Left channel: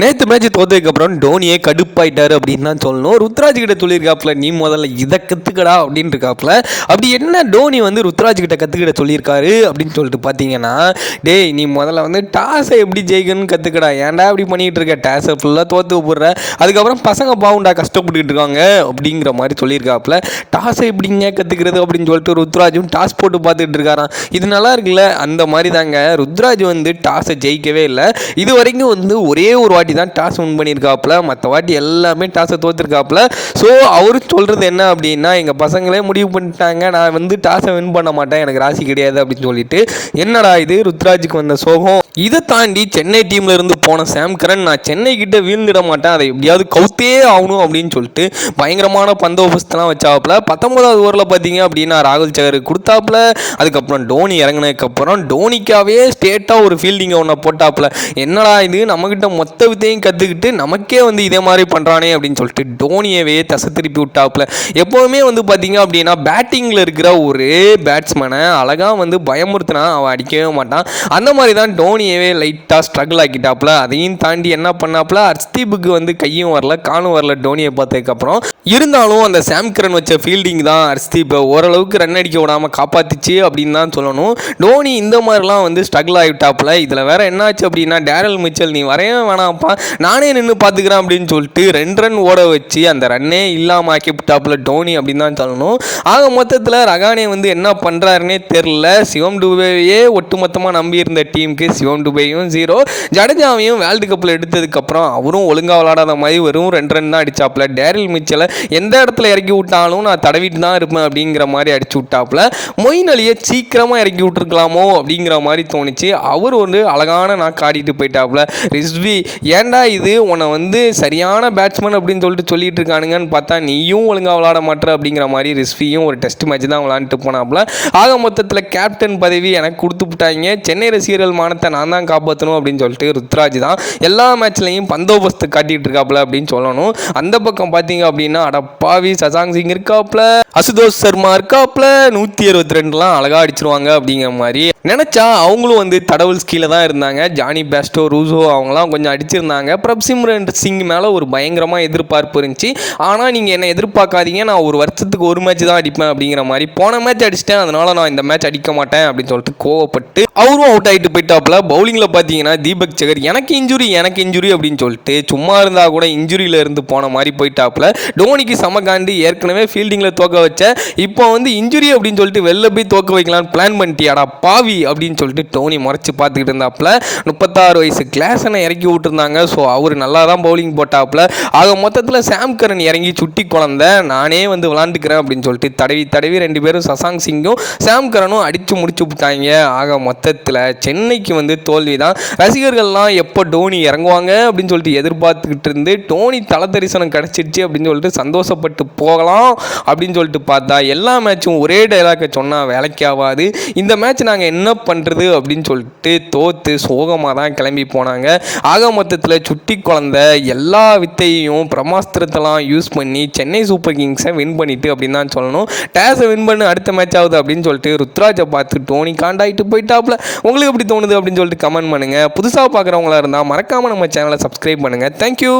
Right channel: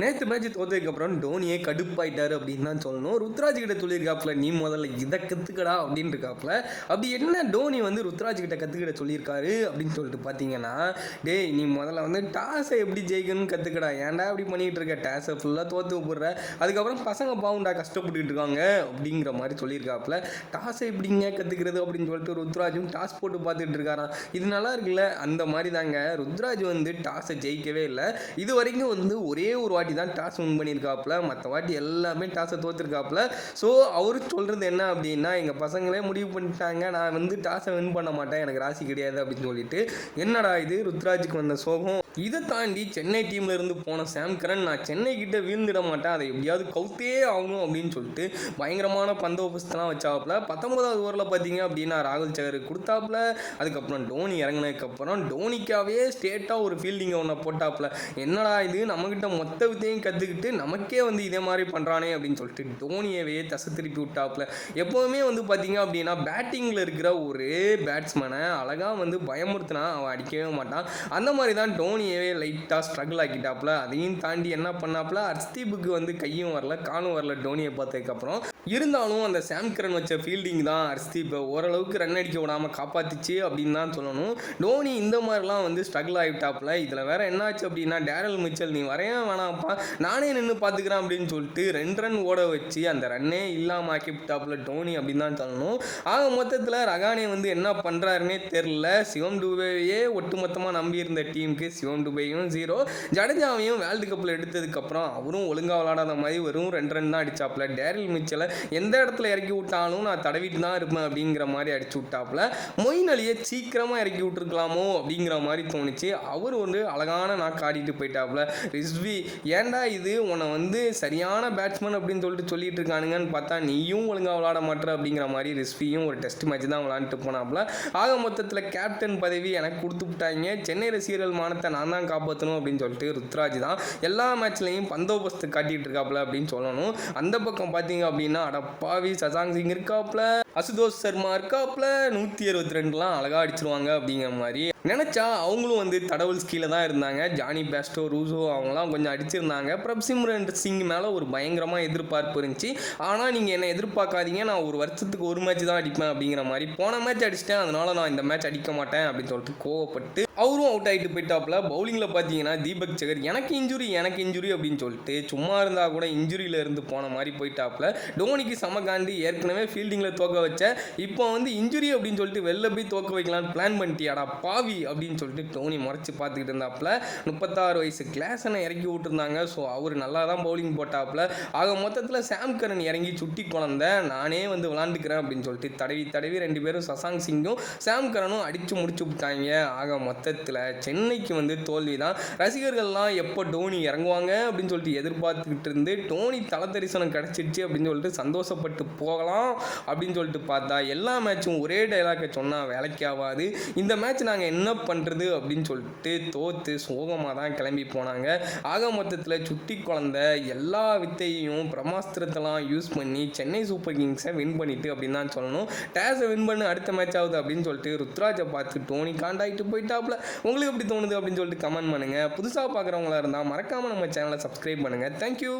நேற்று மேட்ச் தோத்ததுக்கப்புறம் டோனியே கடுப்பாயிட்டாரு அப்படின்னு தான் சொல்லணும். ருத்ராஜ் கிட்ட சொல்லியிருக்காப்புல நீ முதல்ல இதை கற்றுக்கடா அப்படின்னு இருக்காப்புல. அப்படி என்ன டோனி வந்து ருத்ராஜ் கிட்ட கற்றுக்கிட சொல்லியிருக்காரு அப்படின்னு சொல்லிட்டு பார்த்தீங்கன்னா டேய் நீ முதல்ல வந்து டாஸை எப்படி ஜெயிக்கணும்னு கற்றுக்கடா ஏன்டா இப்படி பண்ணிகிட்டு இருக்க? டாஸை ஃபுல்லாக தோற்று போடுற அதுக்கப்புறம் பசங்க பாவுண்டா கஷ்டப்பட்டுக்கிட்டு இருக்காங்க அப்படிங்கிற மாதிரி சொல்லியிருக்காப்புல. டாஸை எப்படிங்க கற்றுக்கிறது அப்படின்னு சொல்லிட்டு ருத்ராஜும் டாஸ் போட்டு பார்த்துட்டு இருக்காராம். இது நல்லா இருக்குல்ல? அந்த மாதிரி தாங்க. ருத்ராஜ் வந்து டாஸை ஜெயிக்கவே இல்லை. இது வரைக்கும் வந்து ஒரே ஒரு வாட்டி தான் டாஸ் வின் பண்ணியிருக்காப்புல. மற்ற வாட்டி எல்லாமே டாஸை தோற்றுருக்காப்புல ஸோ அவரு சொல்கிறது என்ன அப்படின்னா எங்கள் பசங்களே முடிவு பண்ணிட்டாங்க. நான் வந்து டாஸை வின் பண்ண மாட்டேன். எனக்கு ராசி கிடையாது அப்படின்னு சொல்லிட்டு என்னடா இது? ருத்ராஜுக்கு வந்த சோகம். இதை தாண்டி சென்னை டீம்ல இருந்து போன சாம் கரன் நான் சென்னை கிட்ட வீழ்ந்துட மாட்டேன். அதை எப்படியாவது கவுத்தே ஆகணும் அப்படின்னு சொல்லிட்டு பயங்கரமான பந்தோபஸ்தெல்லாம் வச்சாப்புல. பத்தொன்பதாவது ஓவரில் பார்த்தீங்க அப்படின்னா ராகுல் சகர் கொடுத்தாப்புல. அதுக்கப்புறம் டோனி இறங்கினதுக்கப்புறம் டோனிக்காவே ஸ்டேட்டாக ஒரு ஃபீல்டிங்கை ஒன்று போட்டாப்புல. என்னடா இது? நம்மக்கிட்ட மொத்த வித்தையும் கற்றுக்கிட்டு நமக்கே வந்து இதே மாதிரி பண்ணுறானே அப்படின்னு சொல்லிட்டு டோனியவே தசை திருப்பி விட்டாப்புல. எப்போவுமே வந்து பார்த்தீங்க அப்படின்னா பேட்டிங்கில் இருக்கிற ஒரே பேட்ஸ்மேனை அழகாக வந்து பயமுறுத்தினா அவன் அடிக்கவே மாட்டான். அந்த மாதிரி தான் டோனியவே லைட்டாக ஸ்ட்ரகிள் ஆக்கிட்டாப்புல. அதையும் தாண்டி என்ன பண்ணாப்புல? அர்ஸ்தீபுக்கு வந்து கையும் வரல காணும் வரல டோனியை பார்த்ததுக்கப்புறம். இருந்தாலும் அந்த சாம் வச்ச ஃபீல்டிங் தான் அர்ஸ்தீப்பை ஓரளவுக்கு ரன் அடிக்க விடாமல் காப்பாத்துச்சு அப்படின்னு தான் சொல்லணும். டோனி இந்த மாதிரிலாம் வந்து ஸ்ட்ரகிள் ஆகிட்டாப்புல இதில் வேற என்னாச்சு அப்படின்னா டேரல் மிச்சல் நீ வரைய பார்ப்பான் நானே நின்று பார்த்துக்கிறேன் அப்படின்னு சொல்லிட்டு ரெண்டு ரன் ஓட வச்சு அந்த ரன்னே இல்லாமல் ஆக்கி விட்டாப்புல டோனி அப்படின்னு தான் சொல்லணும். ஆக மொத்தத்தில் ரகானே வந்து என்ன பண்ணுறாருனே தெரில சிவம் டுபேவையே ஒட்டுமொத்தமாக நம்பி இருந்த டீமுக்கு சிவம் டுபேயும் ஜீரோ ஜடேஜாவையும் வேர்ல்டு கப்பில் எடுத்ததுக்கப்புறம் அவரும் ஒழுங்காக விளாடாத மாதிரி வெறும் ரெண்டு ரன் தான் அடிச்சாப்புல. டேரில் மிச்சலை எந்த இடத்துல இறக்கி விட்டாலும் நான் தடவிட்டு தான் இருப்பேன் அப்படிங்கிற மாதிரி அடிச்சு விட்டாப்புல. மொயின் அலியை சீக்கிரமாக இறக்கி விட்டுருக்கலாமோ அப்படிங்கிற மாதிரி தோணுச்சு. அவர் வந்து அழகான நான் காட்டிட்டு போயிட்டாப்புல. ரிஸ்வி ஏன்டா இது? உன்னை வந்து சரியான பேட்ஸ்மேன் அப்படின்னு சொல்லிட்டு சொல்லிட்டு இருக்கானுங்கன்னு பார்த்தா நீயும் ஒழுங்காக விளாட மாட்டேற அப்படிங்கிற மாதிரி ரிஸ்வியும் ஒரு டெஸ்ட் மேட்ச் தான் விளாண்டுட்டு போனாப்புல. ஆக மொத்தத்தில் கேப்டன் பதவி எனக்கு கொடுத்து விட்டாங்க. சென்னை ரசிகர்கள் மானத்தை நான் தான் காப்பாற்றணும் அப்படின்னு சொல்லிட்டு ருத்ராஜ் தான் எல்லா மேட்ச்லையும் பந்தோபஸ்து காட்டிகிட்டு இருக்காப்புல அப்படின்னு சொல்லணும். அந்த பக்கம் பார்த்தீங்க அப்படின்னா அடப்பாவி சசாங் சிங் இருக்காப்புல. அசுதோஷ் சர்மா இருக்காப்புல நூற்றி அறுபத்தி ரெண்டுலாம் அழகாக அடிச்சிருவாங்க அப்படிங்கிற மாதிரி. நினச்சா அவங்களும் வந்து தடவுல்ஸ் கீழே தான் இருந்தாங்க. ஜானி பேஸ்டோ ரூசோ அவங்களாம் கொஞ்சம் அடிச்சிருந்தாங்க. பிரப்சிம்ரன் சிங் மேலே ஒரு பயங்கரமாக எதிர்பார்ப்பு இருந்துச்சு. ஆனால் நீங்கள் என்ன எதிர்பார்க்காதீங்க. நான் ஒரு வருஷத்துக்கு ஒரு மேட்ச் தான் அடிப்பேன் அப்படிங்கிற மாதிரி. போன மேட்ச் அடிச்சிட்டேன். அதனால நான் இந்த மேட்ச் அடிக்க மாட்டேன் அப்படின்னு சொல்லிட்டு கோவப்பட்டு அவரும் அவுட் ஆகிட்டு போயிட்டாப்புல பவுலிங்கில் பார்த்தீங்கன்னா தீபக் சகர் எனக்கு இன்ஜுரி எனக்கு இன்ஜுரி அப்படின்னு சொல்லிட்டு சும்மா இருந்தால் கூட இன்ஜுரியில் இருந்து போன மாதிரி போயிட்டாப்புல டோனிக்கு சமகாண்டி ஏற்கனவே ஃபீல்டிங்கில் தோக்க வச்ச இப்போ வந்து இன்ஜுரி அப்படின்னு சொல்லிட்டு வெளில போய் தோக்க வைக்கலாம்னு பிளான் பண்ணிட்டியாடா பாவி அப்படின்னு சொல்லிட்டு டோனி முறைச்சி பார்த்துக்கிட்டு இருந்தாப்புல முப்பத்தாறு வயசு கிளாஸனை இறக்கி விட்டுருந்தாங்க. ஸோ அவர் நல்லா தான் பவுலிங் போட்டாப்புல. ஆக மொத்தத்தில் சாம் கரன் இறங்கி சுட்டி குழந்த நானே வந்து விளாண்டுக்கிறேன் அப்படின்னு சொல்லிட்டு தடவி தடவி ரெண்டு பேரும் சசாங் சிங்கும் சாம் கரனும் அடித்து முடிச்சு விட்டாங்க. ஆக மொத்தத்தில் சென்னைக்கு வந்து தோல்வி தான் ரசிகர்கள்லாம் எப்போ டோனி இறங்குவாங்க அப்படின்னு சொல்லிட்டு எதிர்பார்த்துக்கிட்டு இருந்து டோனி தல தரிசனம் கிடச்சிருச்சு அப்படின்னு சொல்லிட்டு சந்தோஷப்பட்டு போகலாம் அப்படின்னு சொல்லிட்டு பார்த்தா எல்லா மேட்சும் ஒரே டைலாக்கை சொன்னால் வேலைக்கு ஆகாது. இந்த மேட்ச் நாங்கள் என்ன பண்ணுறது அப்படின்னு சொல்லிட்டு தோற்று சோகமாக தான் கிளம்பி போனாங்க. ஆக மொத்தத்தில் சுட்டி குழந்த எல்லா வித்தையும் பிரம்மாஸ்திரத்தெல்லாம் யூஸ் பண்ணி சென்னை சூப்பர் கிங்ஸை வின் பண்ணிட்டு அப்படின்னு தான் சொல்லணும். டேஸை வின் பண்ணு அடுத்த மேட்ச் ஆகுது அப்படின்னு சொல்லிட்டு ருத்ராஜை பார்த்து டோனி காண்டாயிட்டு போயிட்டாப்ல. உங்களுக்கு எப்படி தோணுது அப்படின்னு சொல்லிட்டு கமெண்ட் பண்ணுங்கள் புதுசாக பார்க்குறவங்களா இருந்தால் மறக்காமல் நம்ம சேனலை சப்ஸ்கிரைப் பண்ணுங்கள் தேங்க்யூ